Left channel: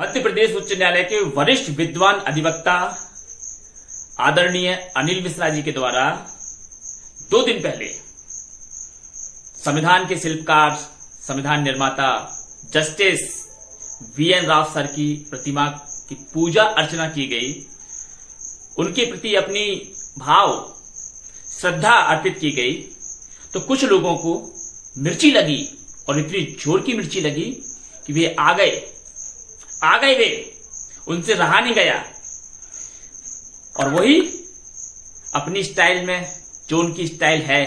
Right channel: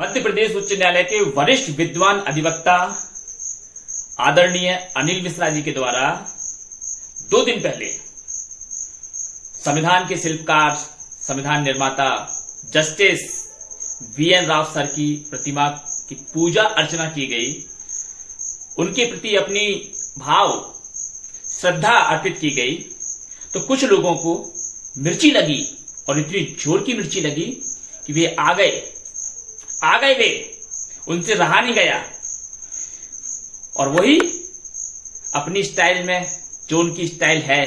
मध्य प्रदेश उच्च न्यायालय के वरिष्ठ विद्वान अधिवक्ता आदरणीय अनिल मिश्रा जी के द्वारा 2 दिन पहले संविधान के शिल्पकार, संविधान निर्माता जस्टिस वीएन राव सर की प्रतिमा की पूजा अर्चना की गई। उनके प्रति अपनी भाव श्रद्धा अर्पित की गई तो कुछ लोगों को मिर्ची लगी और इतनी जोर की मिर्ची लगी कि वे आ गए वे, उनसे रहा नहीं गया और वही अपनी स्टाइल में, जो उनकी स्टाइल है,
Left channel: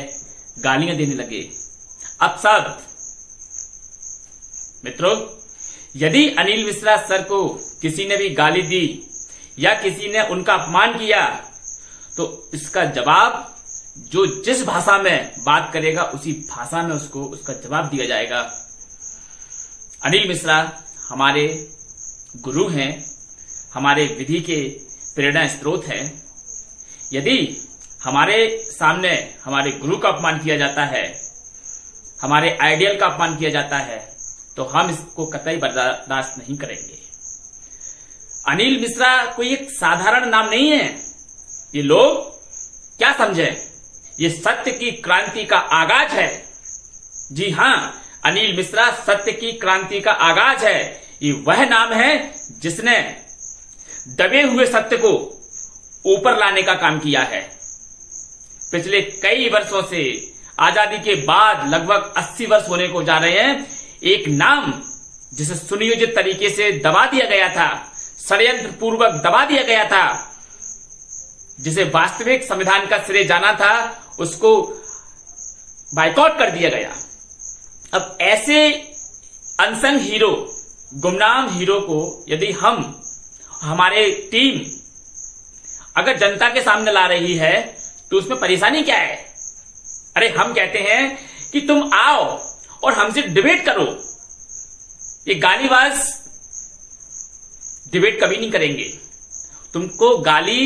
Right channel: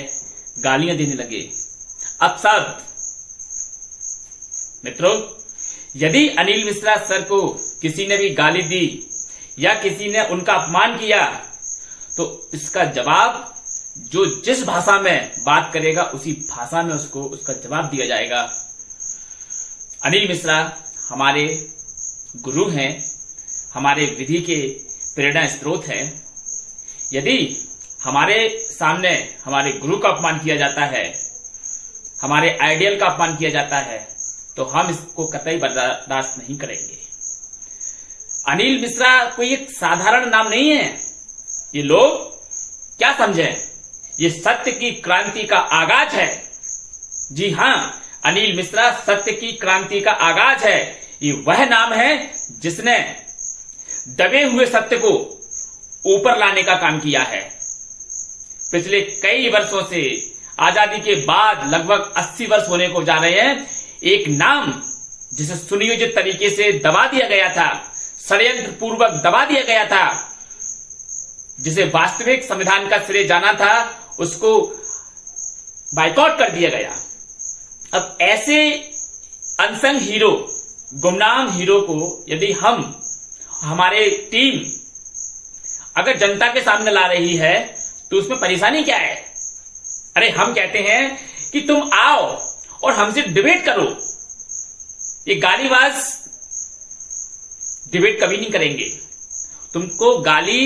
गालियां देने लगे। अब सब मित्रों, यदि अनिल मिश्रा सर को किसी ने भी गाली दी या किसी ने उनका अपमान किया तो इसका जवाब जो जिस भाषा में बात करेगा उसी भाषा में उसका जवाब दिया जाएगा। अनिल मिश्रा हमारे गुरु हैं, हमारे विधि के प्रेरणा स्रोत हैं। यदि हमारे सामने हमारे गुरु का अपमान किया जाता है, हमारे आइडियल का अपमान किया जाता है, तो हम इसको कतई बर्दाश्त नहीं करेंगे। अनिल मिश्रा कोई एक साधारण नाम नहीं है। ये लोग क्या समझे, ये सत्य की क्रांति का आगाज है। जी हां, अनिल मिश्रा सत्य की क्रांति का आगाज है। ये वह नाम है जिसने दबे हुए सत्य को ऊपर लाने का काम किया है। पिछले कई वर्षों से, आजादी के बाद लगभग 80 वर्ष होने को जा रहे हैं, एक नाम जिसे सुनियोजित तरीके से दबा दिया गया था, षड्यंत्र पूर्वक दबा दिया गया था, जिसे वास्तविक संविधान का श्रेय जाना था, उसको बाइकआउट कर दिया गया। अब ऐसे अनसंग हीरो, गुमनाम हीरो को यदि हमारे टीम अगर जनता के सामने ला रही है तो उसमें परेशानी क्या है? अरे हम कहते हैं कि तुम आओ और हमसे डिबेट करो। ये गालीबाज डिबेट कभी नहीं करेंगे। तुमको गाली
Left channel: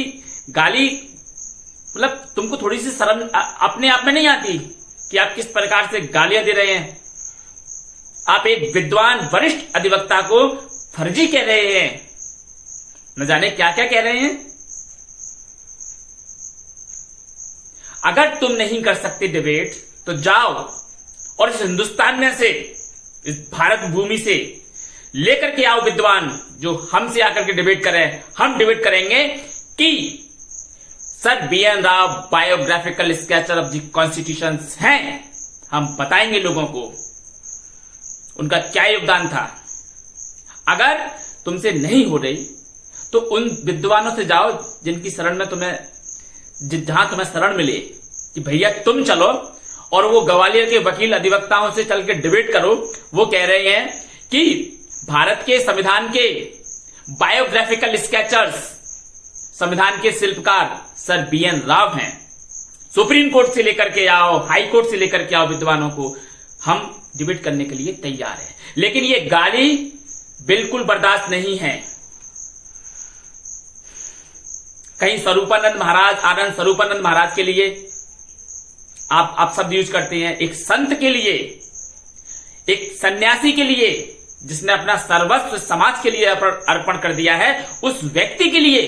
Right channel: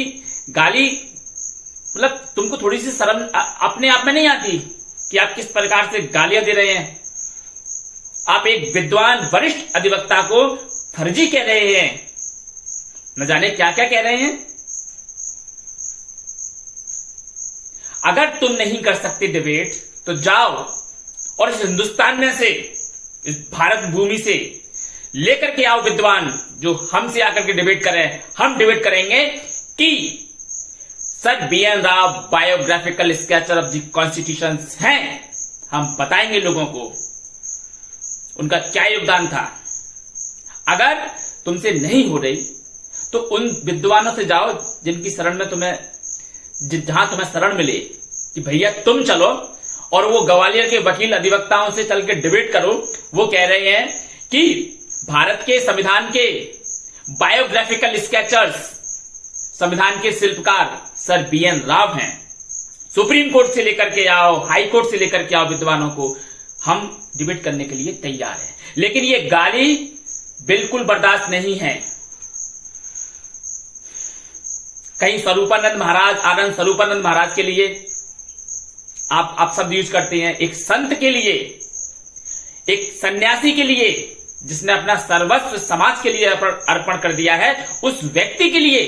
मतलब तुमको थोड़ी सी शर्म अपने आप में नहीं आती कि आप किस प्रकार से गालियां दे रहे हैं? आप एक विद्वान वरिष्ठ अधिवक्ता को फर्जी कह रहे हैं, न जाने क्या क्या कह रहे हैं। अगर तुम नहीं कर सकते डिबेट तो जाओ और इस हिंदुस्तान में से, इस भारत भूमि से लेकर के आओ विद्वान जो हमसे आकर के डिबेट करें। हम डिबेट करेंगे कि sir V N Rao biographical sketcher of the constitution हैं। हम बताएंगे लोगों को उनका क्या योगदान था। अगर तुमसे नहीं हो रही तो उन विद्वानों से जाओ जिनकी शरण में जहां तुम्हें शरण मिले कि भैया तुम चलो और वो ग्वालियर के वकील अधिवक्ताओं से चल के डिबेट करो। वो कह रहे हैं कि भारत के संविधान के बायोग्राफिकल स्केचर्स, संविधान के शिल्पकार सर वीएन राव हैं। सुप्रीम कोर्ट से लेकर के आओ, हाई कोर्ट से लेकर के आओ विद्वानों को, हम डिबेट करने के लिए तैयार हैं। लेकिन ये गाली बिल्कुल बर्दाश्त नहीं है। कहीं स्वरूपानंद महाराज, आनंद स्वरूपानंद महाराज के लिए आप शब्द यूज करते हैं, एक संत के लिए, एक सन्यासी के लिए जिसने अपना सर्वस्व समाज के लिए अर्पण कर दिया है, उस व्यक्ति के लिए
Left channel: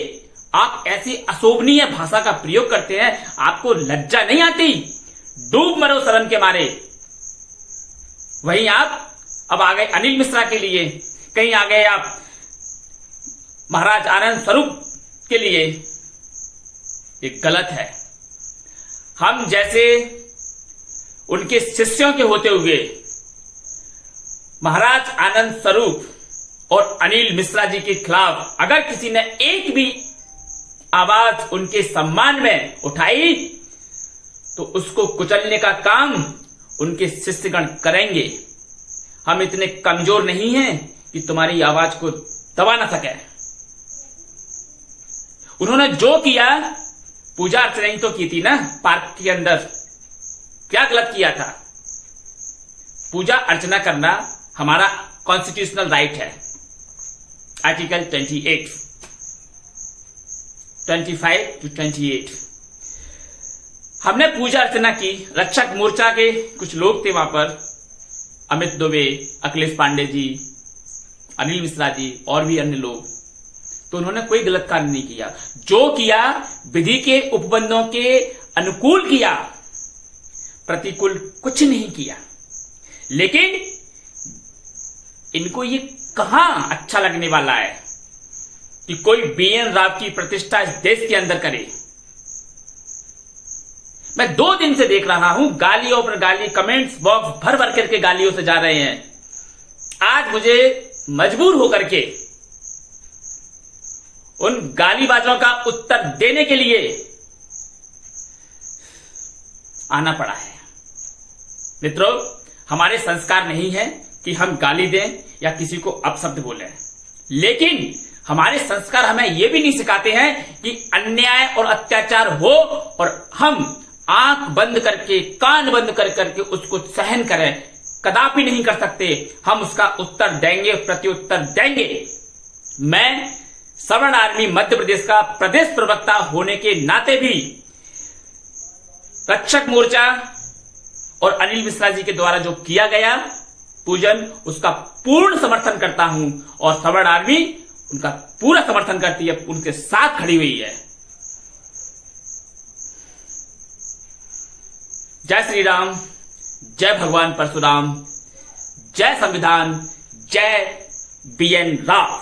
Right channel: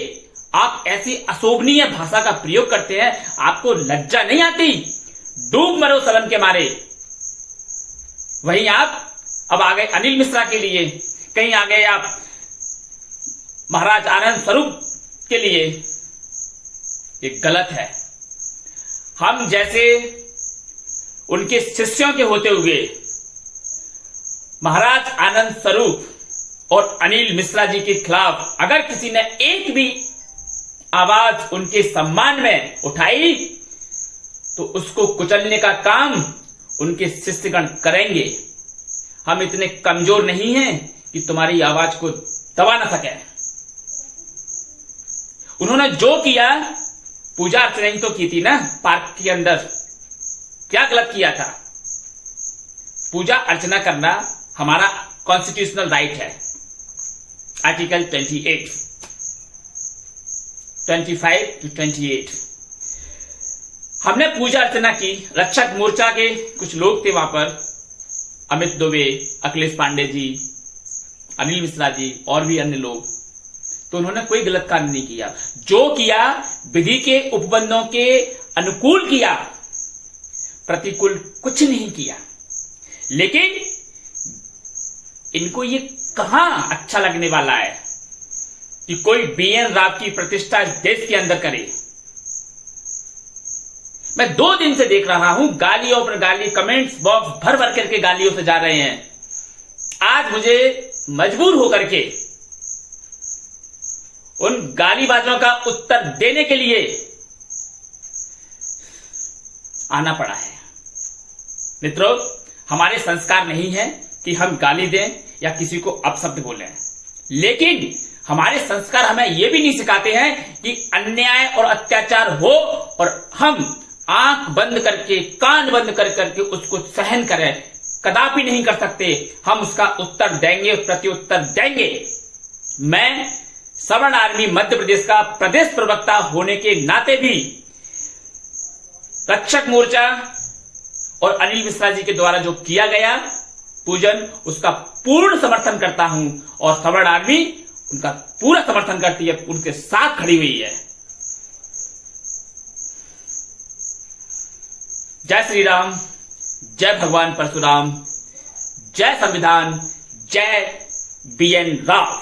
आप ऐसी अशोभनीय भाषा का प्रयोग करते हैं। आपको लज्जा नहीं आती? डूब मरो शर्म के मारे। वहीं आप अब आ गए अनिल मिश्रा के लिए, कहीं आ गए आप महाराज आनंद स्वरूप के लिए। ये गलत है। हम जैसे उनके शिष्यों के होते हुए महाराज आनंद स्वरूप और अनिल मिश्रा जी के खिलाफ अगर किसी ने एक भी आवाज उनके सम्मान में उठाई तो उसको कुचलने का काम उनके शिष्यगण करेंगे। हम इतने कमजोर नहीं हैं कि तुम्हारी आवाज को दबा ना सके। उन्होंने जो किया, पूजा अर्चना ही तो की थी ना पार्क के अंदर। क्या गलत किया था? पूजा अर्चना करना हमारा कॉन्स्टिट्यूशनल राइट है। Article 25 to 28। हमने पूजा अर्चना की। रक्षक मोर्चा के कुछ लोग थे वहां पर, अमित दुबे, अखिलेश पांडे जी, अनिल मिश्रा जी और भी अन्य लोग, तो उन्होंने कोई गलत कार्य नहीं किया। जो किया विधि के उपबंधों के अनुकूल किया, प्रतिकूल कुछ नहीं किया। लेकिन इनको ये कहां अच्छा लगने वाला है कि कोई बीएन राव की प्रतिष्ठा इस देश के अंदर करे। मैं 2 दिन से देख रहा हूं, गालियों पर गाली, कमेंट्स बॉक्स भर भर करके गालियों से जा रहे हैं। आज मुझे मजबूर होकर के उन गालीबाजों का उत्तर देने के लिए आना पड़ा है। मित्रों, हमारे संस्कार नहीं है कि हम गाली दें या किसी को अपशब्द बोलें, लेकिन हमारे संस्कार हमें यह भी नहीं सिखाते हैं कि अन्याय और अत्याचार हो और हम आंख बंद करके, कान बंद कर करके उसको सहन करें। कदापि नहीं कर सकते। हम उसका उत्तर देंगे, प्रत्युत्तर देंगे। मैं सवर्ण आर्मी मध्य प्रदेश का प्रदेश प्रवक्ता होने के नाते भी रक्षक मोर्चा और अनिल मिश्रा जी के द्वारा जो किया गया पूजन, उसका पूर्ण समर्थन करता हूं और सवर्ण आर्मी उनका पूरा समर्थन करती है, उनके साथ खड़ी हुई है। जय श्री राम, जय भगवान परशुराम, जय संविधान, जय बीएन राव।